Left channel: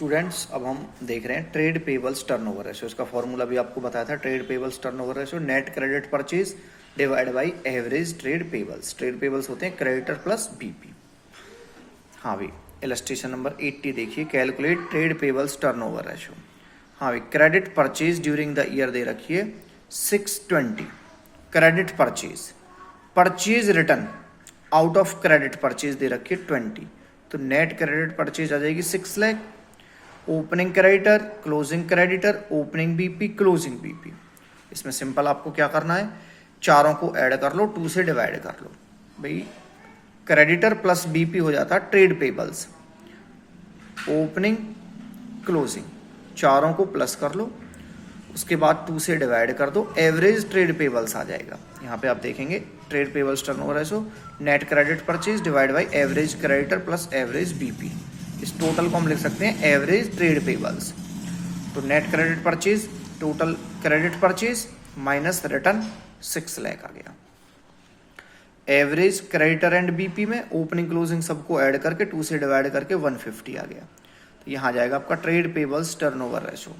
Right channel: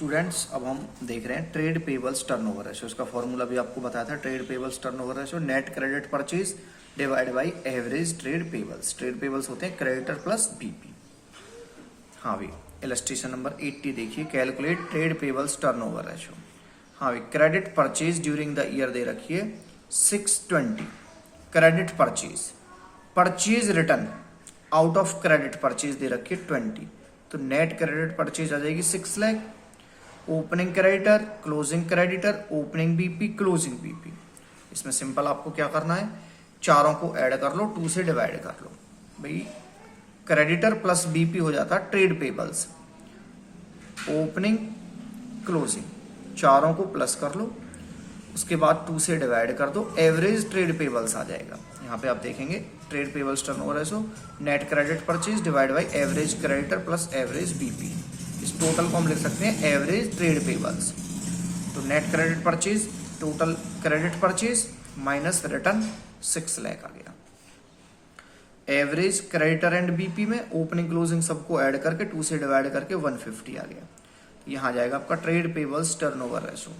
Students अब हम देख रहे हैं ट्रेड पेबल्स टर्नओवर रेशियो। इसका फॉर्मूला भी आपको बताया था, trade payables turnover ratio net credit purchase divide by average trade pebbles. Trade payables होते हैं क्रेडिटर प्लस बीपी। हाँ भाई, इलस्ट्रेशन नंबर 80 देखिए, calculate trade payables turnover ratio. हाँ भाई, credit purchase during the year दे रखिए 620, credit purchase, purchase return out of credit purchase दे रखिए 20, तो नेट क्रेडिट परचेज आ जाएगी 6 lakh. Opening creditor, closing creditor, opening BP, closing BP. इसमें सिंपल आपको क्या करना है, चारों को ऐड कर लो, 2 से डिवाइड कर लो। भाई क्रेडिटर प्लस बीपी हो जाता है ट्रेड पेबल्स, ओपनिंग क्लोजिंग, चारों को प्लस कर लो, उसके बाद 2 से डिवाइड कर दो, एवरेज ट्रेड पेबल्स आ जाएगा। यहाँ पे आप देखेंगे trade payables turnover ratio net credit purchase divide by average creditor plus average BP. इस टोटल को हम लिख सकते हैं एवरेज ट्रेड पेबल्स। तो net credit purchase, total credit purchase minus return 6 lakh आ गया। एवरेज क्रेडिटर एंड बीपी में ओपनिंग क्लोजिंग सबको ऐड करके 2 से डिवाइड करके 150 आ गया। तो यहाँ जाएगा आपका ट्रेड पेबल्स टर्नओवर रेशियो,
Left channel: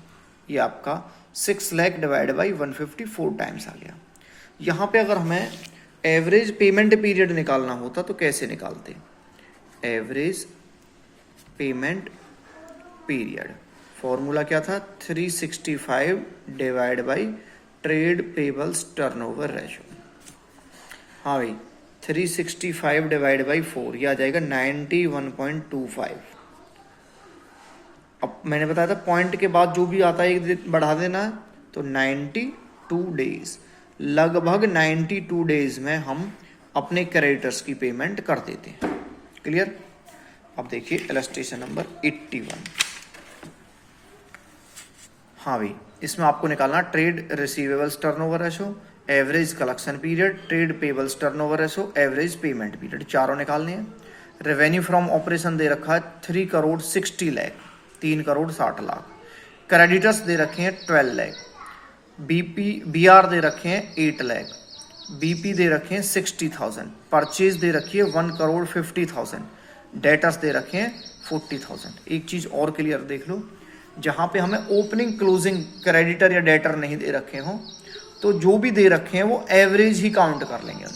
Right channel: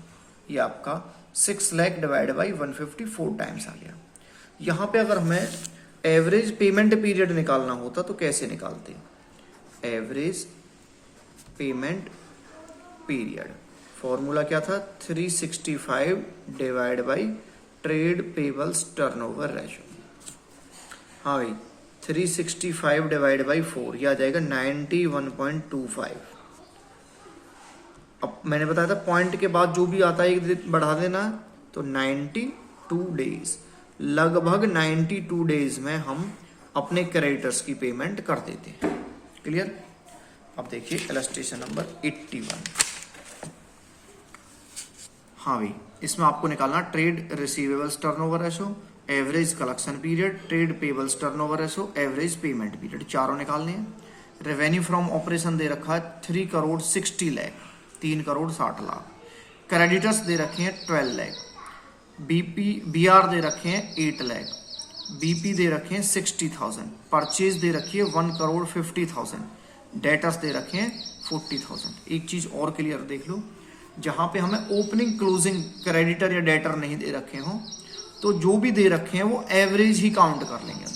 ये आपका 6 लाख डिवाइड बाई 150 4 टाइम्स आ गया। यहाँ पे अगर हमें एवरेज पेमेंट पीरियड निकालना होता तो कैसे निकालते, एवरेज पेमेंट पीरियड फॉर्मूला क्या था, 365 divide by trade payables turnover ratio. हाँ भाई, 365 डिवाइड बाई 4, ये आ जाएगा 91.25। अब मैंने बताया था पॉइंट के बाद जो भी आता है एक बढ़ा देना है, तो 92 डेज, लगभग 92 डेज में हम अपने क्रेडिटर्स की पेमेंट कर देते हैं। क्लियर। अब देखिए इलस्ट्रेशन नंबर 81। हाँ भाई, इसमें आपको निकालना trade receivables turnover ratio, average collection period, trade payables turnover ratio, average payment period, चारों निकालने हैं। रेवेन्यू फ्रॉम ऑपरेशन दे रखा है 3 करोड़ 60 लाख, 3 करोड़ 60 लाख। क्रेडिटर्स दे रखे हैं 12 लाख, बीआर दे रखे हैं 8 लाख, बीपी दे रखे हैं 60,000, परचेज दे रखी है 1 करोड़ 50,000, डेटर्स दे रखे हैं 40,000। एक चीज और क्लियर देख लो, जहां पे हमें ओपनिंग क्लोजिंग क्रेडिटर या डेटर नहीं दे रखे हो, तो जो भी दे रखे हैं वो एवरेज ही काउंट कर लेंगे,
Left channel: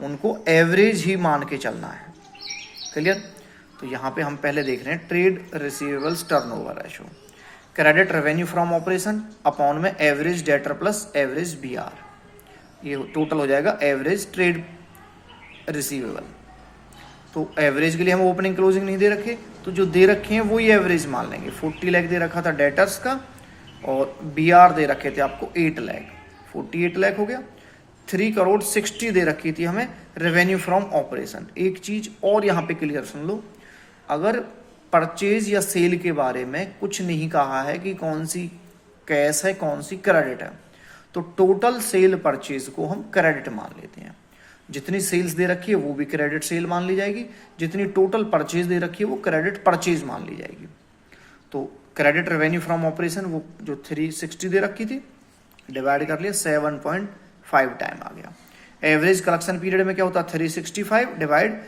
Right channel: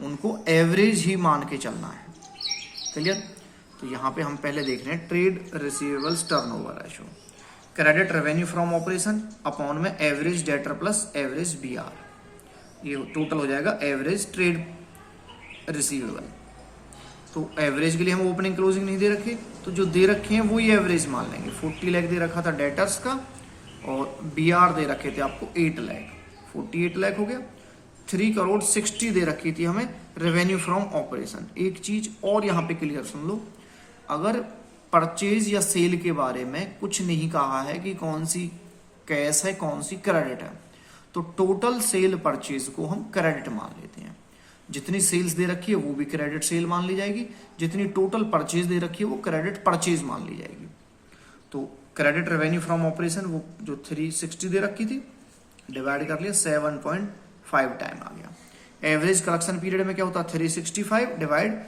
उनको एवरेज ही मान के चलना है। क्लियर। तो यहाँ पे हम पहले देख रहे हैं trade receivables turnover ratio, credit revenue from operation upon में average debtor plus average BR, ये टोटल हो जाएगा एवरेज ट्रेड रिसीवेबल। तो एवरेज के लिए हम ओपनिंग क्लोजिंग नहीं दे रखे, तो जो दे रखे हैं वो ही एवरेज मान लेंगे। 40 लाख दे रखा था डेटर्स का, और बीआर दे रखे थे आपको 8 लाख, 48 लाख हो गया। 3 करोड़ 60 दे रखी थी हमें रेवेन्यू फ्रॉम ऑपरेशन। एक चीज और यहाँ पे क्लियर सुन लो, अगर परचेज या सेल के बारे में कुछ नहीं कहा है कि कौन सी कैश है कौन सी क्रेडिट है, तो टोटल सेल परचेज को हम क्रेडिट मान लेते हैं। जितनी सेल्स दे रखी है वो भी क्रेडिट सेल मान ली जाएगी, जितनी टोटल परचेज दे रखी है वो क्रेडिट परचेज मान ली जाएगी। तो क्रेडिट रेवेन्यू फ्रॉम ऑपरेशन वो जो 360 दे रखी थी डिवाइड कर लिया 7.5 टाइम आ गया। एवरेज कलेक्शन पीरियड में क्या होता है, 365 डिवाइड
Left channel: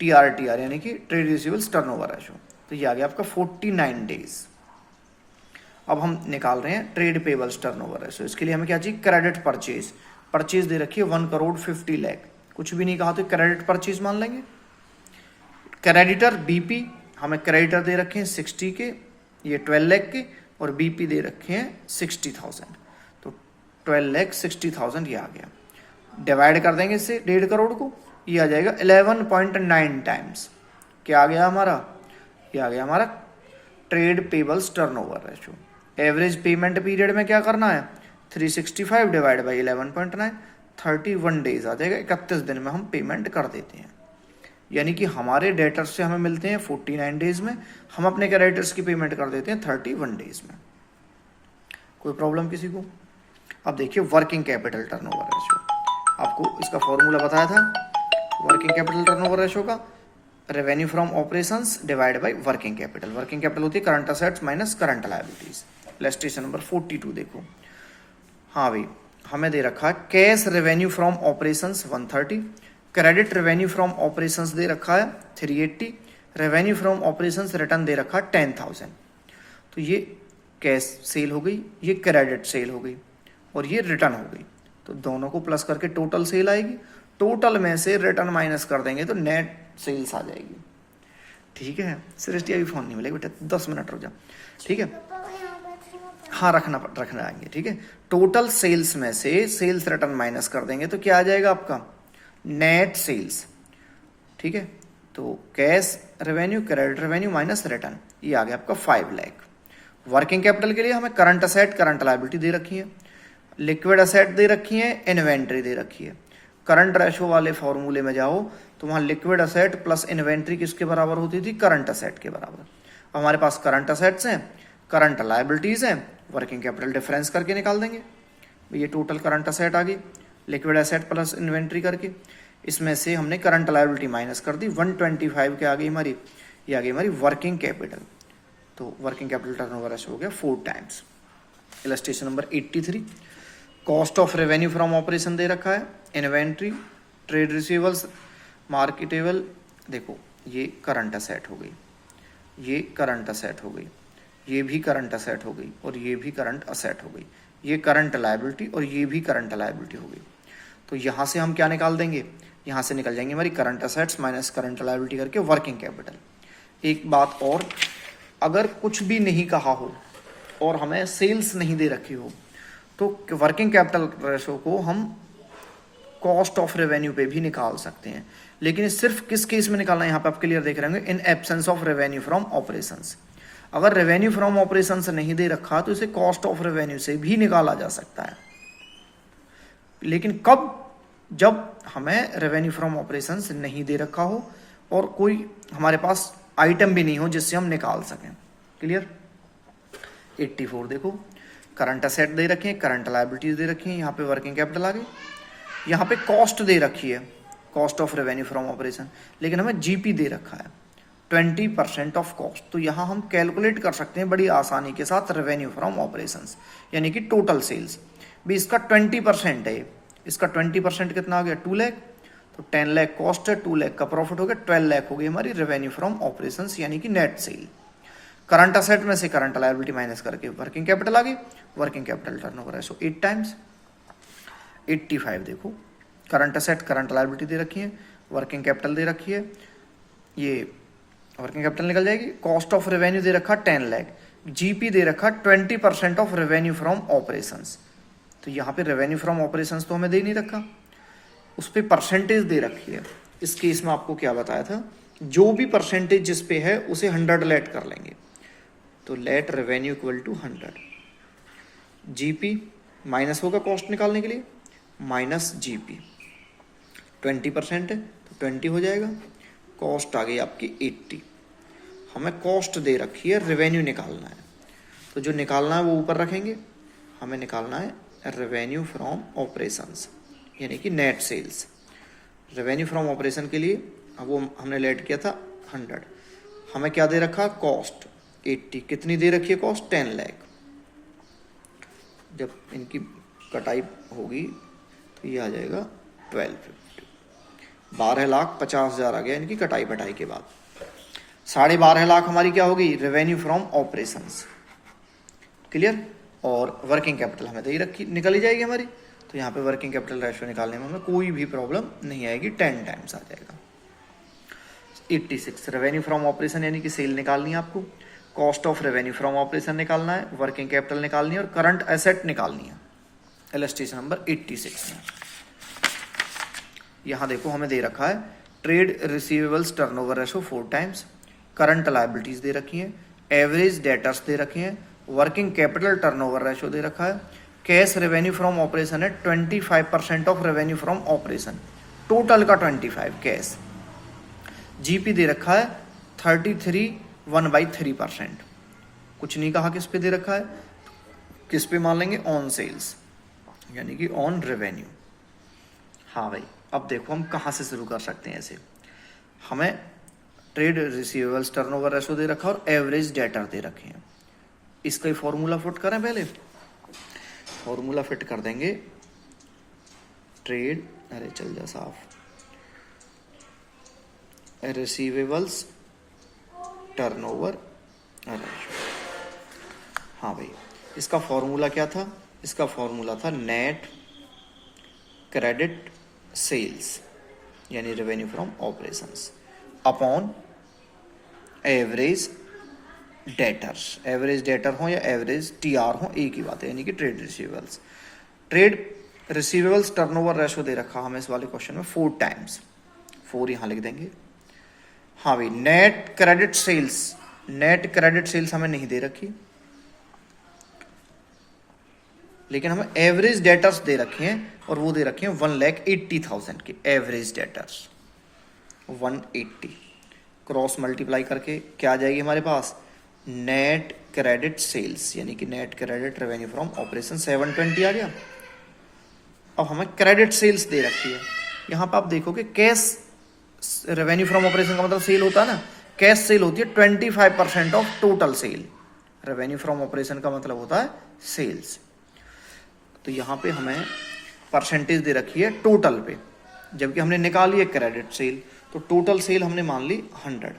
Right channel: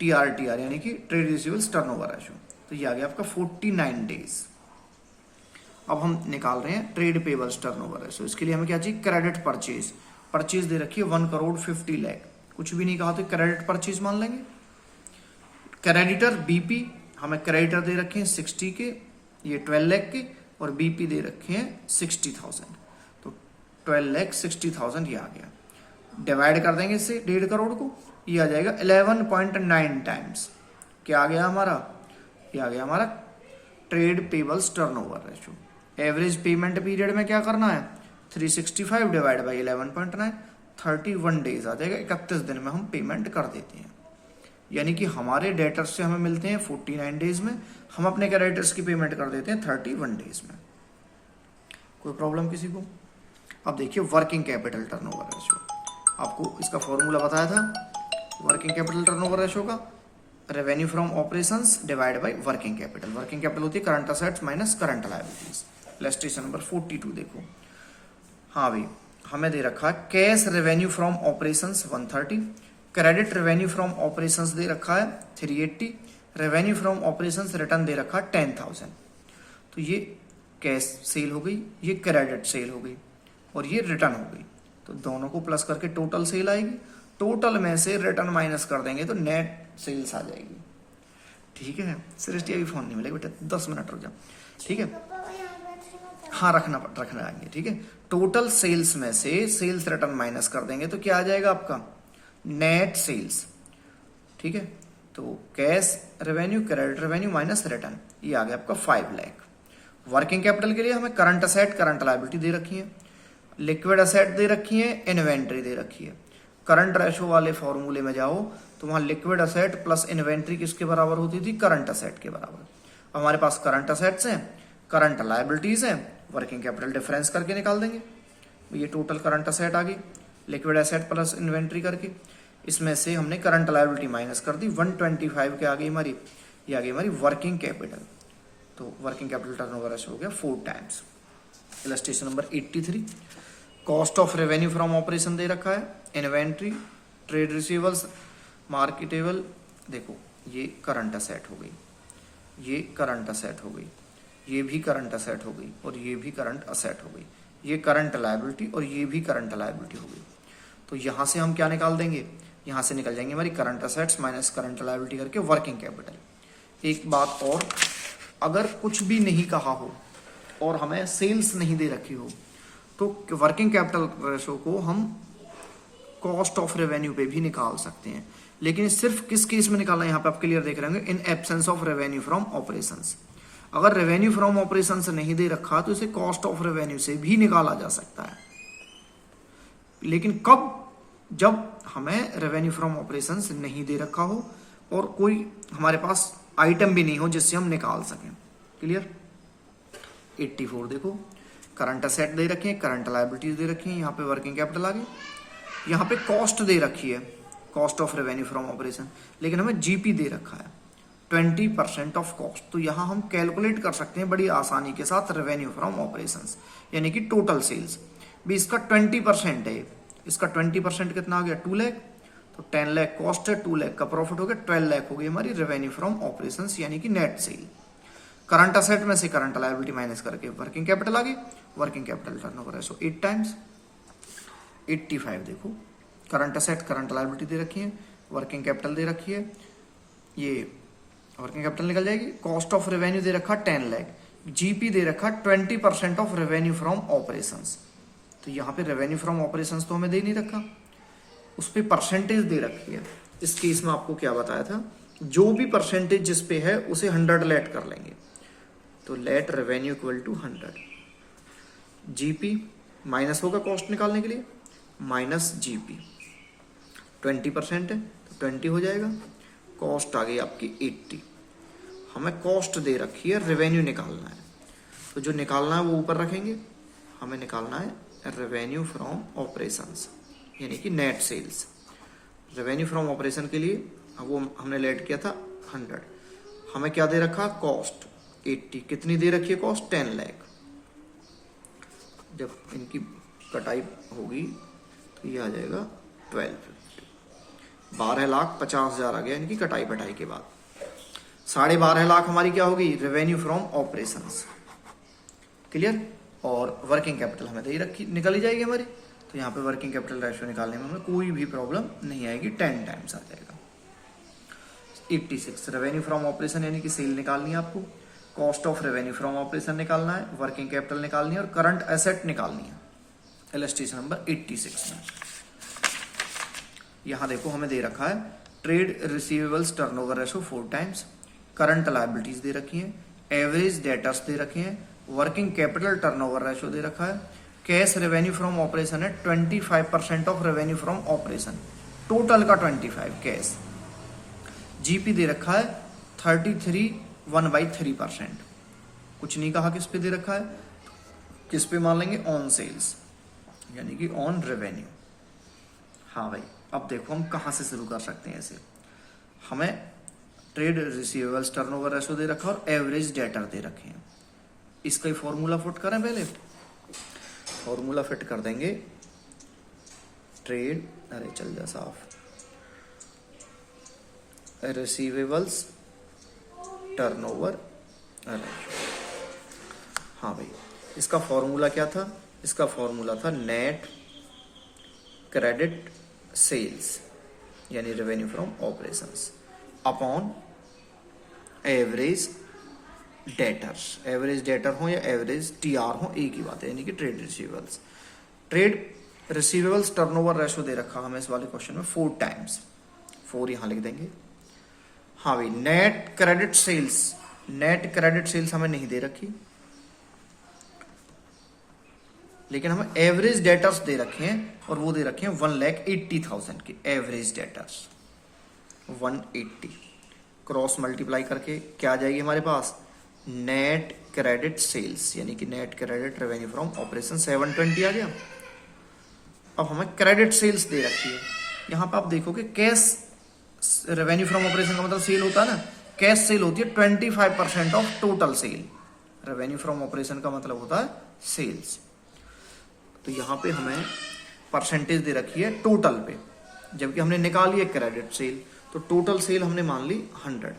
टीआर यानी कि ट्रेड रिसीवेबल्स टर्नओवर रेशियो, तो ये आ गया आपका 49 डेज। अब हम निकाल रहे हैं ट्रेड पेबल्स टर्नओवर रेशियो। इसके लिए हमें क्या चाहिए, क्रेडिट परचेज, परचेज दे रखी है 1 करोड़ 50 लाख, कुछ भी नहीं कहा तो क्रेडिट परचेज मान लेंगे। क्रेडिटर बीपी, हमें क्रेडिटर दे रखे हैं 60 के, ये 12 लाख के, और बीपी दे रखे हैं 60,000, तो 12 लाख 60,000 ये आ गया। डिवाइड कर देंगे इससे 1.5 करोड़ को, ये आ जाएगा 11.9 टाइम्स। क्या आ गया हमारा, ये आ गया हमारा trade payables turnover ratio. Average payment period में क्या करना है, 365 डिवाइड बाई 11.9, 31 डेज आ जाएगा। 31 दिन में हम पेमेंट कर देते हैं, यानी कि हमारे डेटर्स से हमें मिलते हैं 49 डेज में, हम अपने क्रेडिटर्स की पेमेंट कर देते हैं 31 डेज में। कोई प्रॉब्लम किसी को। अब देखिए वर्किंग कैपिटल टर्नओवर रेशियो, आपको इसका फॉर्मूला बताया था वर्किंग कैपिटल टर्नओवर रेशियो का, revenue from operations divide by working capital. Working capital होती है current assets minus current liabilities. Illustration number 42 देखो। हाँ भाई, हमें दे रखा है cash revenue from operations 130, credit revenue from operations दे रखा है 380, रेवेन्यू फ्रॉम ऑपरेशंस रिटर्न दे रखा 10,000, तो ये कैश सेल हो गई, ये क्रेडिट सेल हो गई और ये रिटर्न हो गई। तो दोनों को प्लस करके टोटल सेल आएगी, टोटल में से रिटर्न माइनस कर देंगे तो नेट सेल्स आ जाएगी। ठीक है, सृष्टि अभी फोन नहीं मिलेगा बेटा, 10 मिनट रुक जाओ। ठीक है, हाँ रखना आएंगे। ठीक है, टोटल सेल्स में से सेल्स रिटर्न माइनस कर देंगे तो क्या आ जाएगा आपका नेट सेल्स। ठीक है, तो cash revenue credit revenue minus return, ये आ गया आपका 5 लाख। वर्किंग कैपिटल के लिए हमें करंट असेट करंट लायबिलिटी दे रखी है, लिक्विड असेट दे रखी है, इन्वेंट्री दे रखी है। करंट रेशो वाले फॉर्मूले में जाओ तो वहां लिक्विड असेट प्लस इन्वेंट्री किसके बराबर होती थी, करंट असेट के बराबर। हमारे पास करंट असेट्स हैं, करंट लायबिलिटीज हैं, वर्किंग कैपिटल डिफरेंस करके निकाल देंगे। ये टोटल करंट असेट आ गई, लिक्विड असेट प्लस इन्वेंट्री करके, इसमें से हमने करंट लायबिलिटी माइनस कर दी, 125 के आ गई हमारी, ये आ गई हमारी वर्किंग कैपिटल। तो वर्किंग कैपिटल टर्नओवर रेशो हो गया 4 times. Illustration number 83, cost of revenue from operation दे रखा है, इन्वेंट्री, ट्रेड रिसीवेबल्स, मार्केटेबल। देखो ये करंट असेट हो गई, ये करंट असेट हो गई, ये भी करंट असेट हो गई और ये भी करंट असेट हो गई, ये करंट लायबिलिटी और ये भी करंट लायबिलिटी हो गई। तो यहां से हम क्या निकाल देंगे, यहां से निकल जाएंगे हमारी current assets minus current liability करके वर्किंग कैपिटल। एक बात और, अगर कुछ भी नहीं कहा हो और हमें सेल्स नहीं दे रखी हो तो वर्किंग कैपिटल रेशो को हम कॉस्ट ऑफ रेवेन्यू पे भी निकाल सकते हैं, लेकिन सिर्फ किस केस में निकालना है यहाँ पे आप क्लियर देख रहे होंगे, in absence of revenue from operations. अगर रेवेन्यू फ्रॉम ऑपरेशन से नहीं दे रखा तो इसे कॉस्ट ऑफ रेवेन्यू से भी निकाला जा सकता है, लेकिन कब, जब हमें रेवेन्यू फ्रॉम ऑपरेशन से नहीं दे रखा हो और कोई हमारे पास आइटम भी नहीं हो जिससे हम निकाल सकें। क्लियर। 84 देखो, करंट असेट दे रखे हैं, करंट लायबिलिटीज दे रखी हैं, यहाँ पे वर्किंग कैपिटल आ गई, यहाँ पे कॉस्ट दे रखी है, cost of revenue from operation, लेकिन हमें जीपी दे रखा है 20% ऑफ कॉस्ट। तो यहाँ हम कैलकुलेट कर सकते हैं बड़ी आसानी के साथ रेवेन्यू फ्रॉम ऑपरेशंस, यानी कि टोटल सेल्स भी इसका 20% है, इसका 20% कितना आ गया 2 लाख, तो 10 लाख कॉस्ट है, 2 लाख का प्रॉफिट हो गया, 12 लाख हो गई हमारी रेवेन्यू फ्रॉम ऑपरेशंस यानी कि नेट सेल। करंट असेट में से करंट लायबिलिटी माइनस करके वर्किंग कैपिटल आ गई, working capital turnover ratio 8 times. 85 देखो, करंट असेट करंट लायबिलिटी दे रखी है, वर्किंग कैपिटल दे रखी है, ये वर्किंग कैपिटल निकल जाएगी, कॉस्ट ऑफ रेवेन्यू दे रखा 10 लाख, जीपी दे रखा 20% ऑफ रेवेन्यू फ्रॉम ऑपरेशंस। तो यहाँ पे रेवेन्यू फ्रॉम ऑपरेशंस तो हमें दे नहीं रखा, उस पर परसेंटेज दे रखी है। इस केस में आपको क्या बताया था, जो भी परसेंटेज जिस पे है उसे 100 लेट कर लेंगे, तो let revenue equal to 100, GP minus होगा कॉस्ट निकालने के लिए, माइनस जीपी 20% है तो 20 हो जाएगा, कॉस्ट आ गई आपकी 80। हमें कॉस्ट दे रखी है, रेवेन्यू निकालना है, तो जो निकालना है वो ऊपर रखेंगे, हमें निकालना है रेवेन्यू फ्रॉम ऑपरेशंस यानी कि net sales. Revenue from operation के लिए वो हमने लेट किया था 100, हमें क्या दे रखा कॉस्ट 80, कितनी दे रखी है कॉस्ट 10 लाख। जब इनकी कटाई होगी तो ये आ जाएगा 1250, 12,50,000 आ गया इनकी कटाई बटाई के बाद। 12.5 लाख हमारी क्या होगी रेवेन्यू फ्रॉम ऑपरेशंस। क्लियर। और वर्किंग कैपिटल हमें दे ही रखी, निकल ही जाएगी हमारी, तो यहाँ पे वर्किंग कैपिटल रेशियो निकालने में हमें कोई भी प्रॉब्लम नहीं आएगी, 10 टाइम्स आ जाएगा। 86 रेवेन्यू फ्रॉम ऑपरेशन यानी कि सेल निकालनी है आपको, cost of revenue from operation निकालना है, वर्किंग कैपिटल निकालनी है और करंट एसेट निकालनी है। इलस्ट्रेशन नंबर 86 में यहां देखो हमें दे रखा है trade receivables turnover ratio 4 times, current liabilities दे रखी हैं, एवरेज डेटर्स दे रखे हैं, वर्किंग कैपिटल टर्नओवर रेशो दे रखा है, कैश रेवेन्यू फ्रॉम ऑपरेशन है 25% of revenue from operation, total का 25 कैश, जीपी दे रखा है 33.1/3%। कुछ नहीं कहा किस पे दे रखा है, किस पे मान लेंगे ऑन सेल्स यानी कि ऑन रेवेन्यू। हाँ भाई, अब देखो हम कहां से शुरू कर सकते हैं ऐसे, हमें ट्रेड रिसीवेबल्स टर्नओवर रेशो दे रखा और एवरेज डेटर दे रखे हैं, इसका फॉर्मूला फिट करें पहले, फॉर्मूला फिट कर देंगे ट्रेड, अरे चल जा साफ, रिसीवेबल्स टर्नओवर रेशो। हाँ भाई, इसका फॉर्मूला क्या था? इसका फॉर्मूला था नेट क्रेडिट सेल्स यानी revenue from operations upon average debtors. Average debtor हो या एवरेज टीआर हो, एक ही बात है, यानी कि trade receivables. Trade receivables turnover ratio दे रखा हमें इस वाले क्वेश्चन में 4 टाइम्स, 4 यहां लिख देंगे। हाँ भाई, net credit sales, net credit sales हमें नहीं दे रखी, लेकिन हमें एवरेज डेटर्स दे रखे हैं और वो दे रखे हैं 1,80,000 की एवरेज डेटर्स। 180 क्रॉस मल्टीप्लाई करके क्या आ जाएगी हमारे पास? नेट क्रेडिट सेल्स यानी कि net credit revenue from operation 720 आ गया। अब हमें क्रेडिट सेल्स दे रखी है। यहां पर आप देखोगे कैश रेवेन्यू फ्रॉम ऑपरेशन का मतलब सेल होता है ना, कैश सेल होती है 25% of total sale. Revenue from operation का मतलब होता है सेल्स। तो यहां पे हमें परसेंटेज दे रखी है टोटल पे, जबकि हमने निकाली है क्रेडिट सेल, तो टोटल सेल हमने मान ली 100।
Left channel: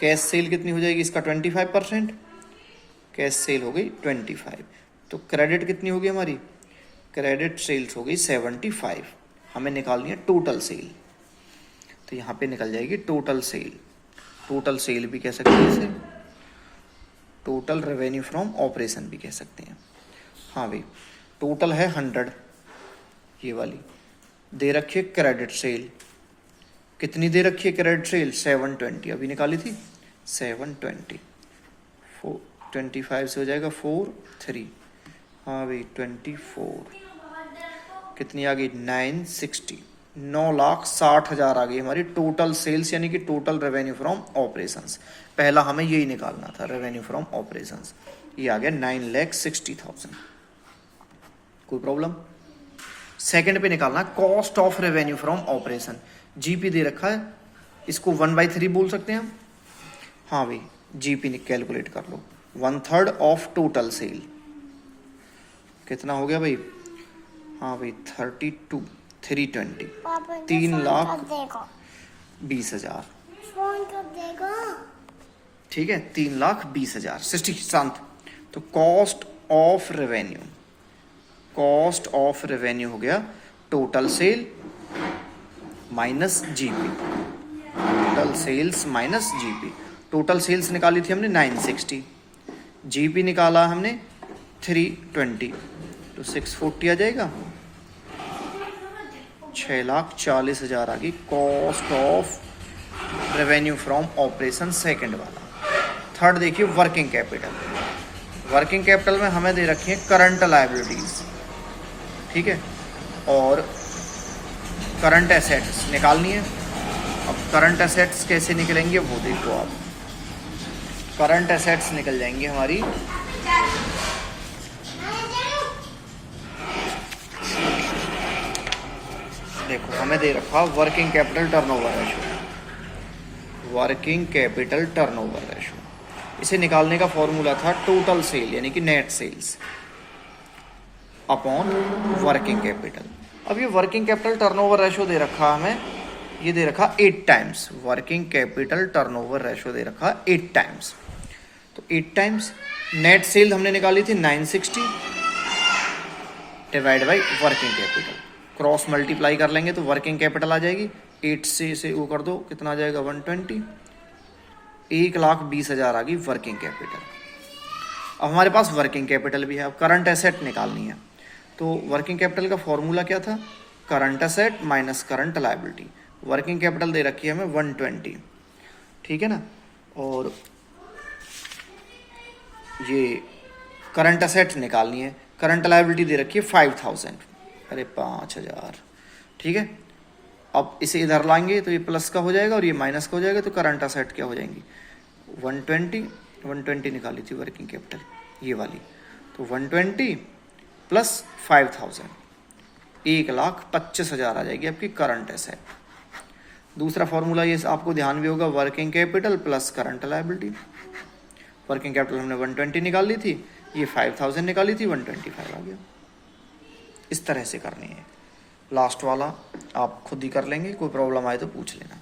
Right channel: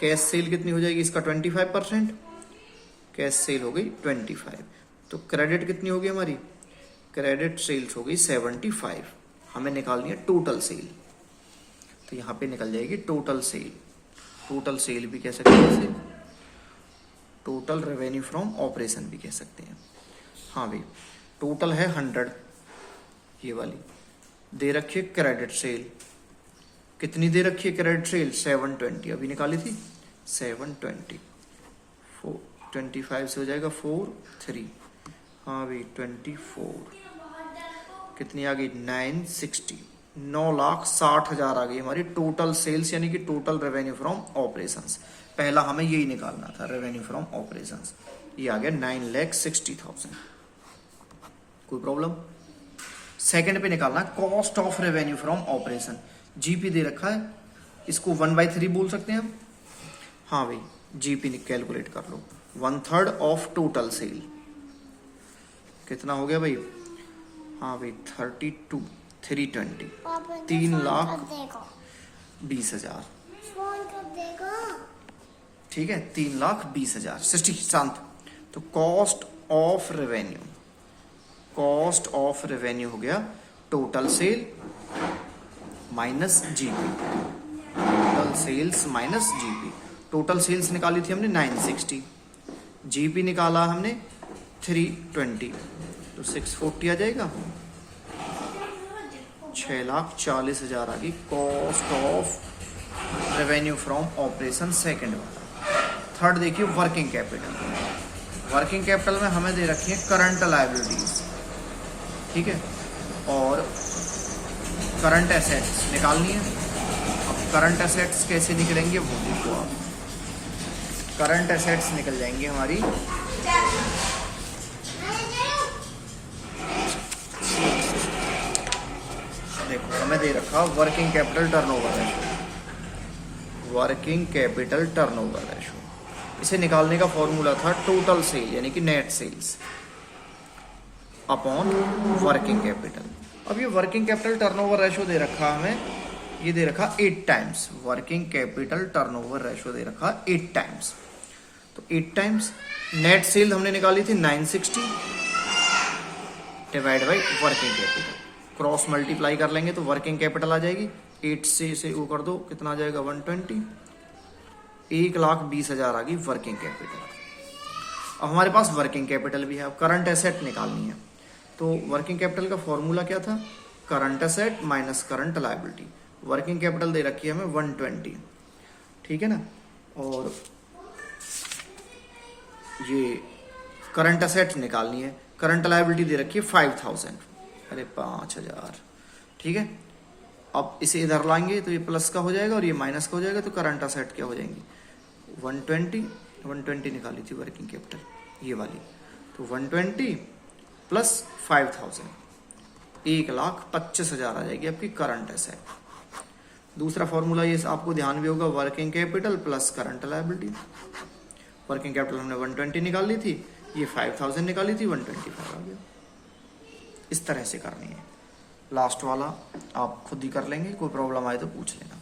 कैश सेल कितनी हो जाएगी इसका? 25%, कैश सेल हो गई 25, तो क्रेडिट कितनी होगी हमारी? क्रेडिट सेल्स हो गई 75। हमें निकालनी है टोटल सेल, तो यहां पे निकल जाएगी टोटल सेल। टोटल सेल भी कह सकते हैं इसे, टोटल रेवेन्यू फ्रॉम ऑपरेशन भी कह सकते हैं। हाँ भाई, टोटल है 100, ये वाली दे रखी है क्रेडिट सेल। कितनी दे रखी है क्रेडिट सेल? 720, अभी निकाली थी 720। 25 से हो जाएगा 4 3, हाँ भाई 24, कितनी आ गई? 960, 9,60,000 आ गई हमारी टोटल सेल्स यानी कि टोटल रेवेन्यू फ्रॉम ऑपरेशंस। पहला हमें यही निकालना था, रेवेन्यू फ्रॉम ऑपरेशंस। ये आ गया 9,60,000। कोई प्रॉब्लम? सेकंड पे निकालना cost of revenue from operation. GP दे रखा है, इसको 1/3 बोल सकते हैं हम। हाँ भाई, जीपी कैलकुलेट कर लो। 1/3 ऑफ टोटल सेल कितना हो गया भाई? हाँ भाई 32 320, 3,20,000। ठीक है, 3,20,000। सृष्टि शांत। तो cost of revenue, cost of revenue हो गया total sale minus GP, total sales minus GP. Total sales निकाली थी हमने 960, जीपी निकाला हमने 320, तो 640 आ जाएगा। 6,40,000 आ गई cost of revenue from operation second वाला। थर्ड देखिए वर्किंग कैपिटल। वर्किंग कैपिटल में हमें दे रखी है करंट लायबिलिटीज, ठीक है, और करंट एसेट्स निकालनी है। अब करंट एसेट्स कैसे निकलेंगे वो देखो आप। करंट एसेट्स निकल जाएंगी हमारी, देखो हमें दे रखा working capital turnover ratio, working capital turnover ratio. इसे निकालने का फॉर्मूला था टोटल सेल यानी कि net sales upon working capital. अब ये वर्किंग कैपिटल टर्नओवर रेशो दे रखा हमें, ये दे रखा 8 times. Working capital turnover ratio दे रखा 8 टाइम्स, तो 8 टाइम्स नेट सेल हमने निकाली थी 960 divide by working capital. Cross multiply कर लेंगे तो वर्किंग कैपिटल आ जाएगी। 8 से इसे वो कर दो, कितना आ जाएगा? 120, 1,20,000 आ गई वर्किंग कैपिटल। अब हमारे पास वर्किंग कैपिटल भी है, अब करंट एसेट निकालनी है। तो वर्किंग कैपिटल का फॉर्मूला क्या था? Current asset minus current liability. Working capital दे रखी है हमें 120, ठीक है ना, और ये करंट एसेट निकालनी है। करंट लायबिलिटी दे रखी है 5,000, अरे 5,000, ठीक है। अब इसे इधर लाएंगे तो ये प्लस का हो जाएगा और ये माइनस का हो जाएगा, तो करंट एसेट क्या हो जाएंगी? 120 निकाली थी वर्किंग कैपिटल ये वाली, तो 120 प्लस 5,000, 1,25,000 आ जाएगी आपकी करंट एसेट। दूसरा फॉर्मूला ये आपको ध्यान भी होगा, working capital plus current liability. Working capital हमने 120 निकाल ली थी, ये 5,000 निकाली थी, 125 आ गया। इस तरह से करनी है। लास्ट वाला आप खुद ही कर लेंगे, कोई प्रॉब्लम आए तो पूछ लेना।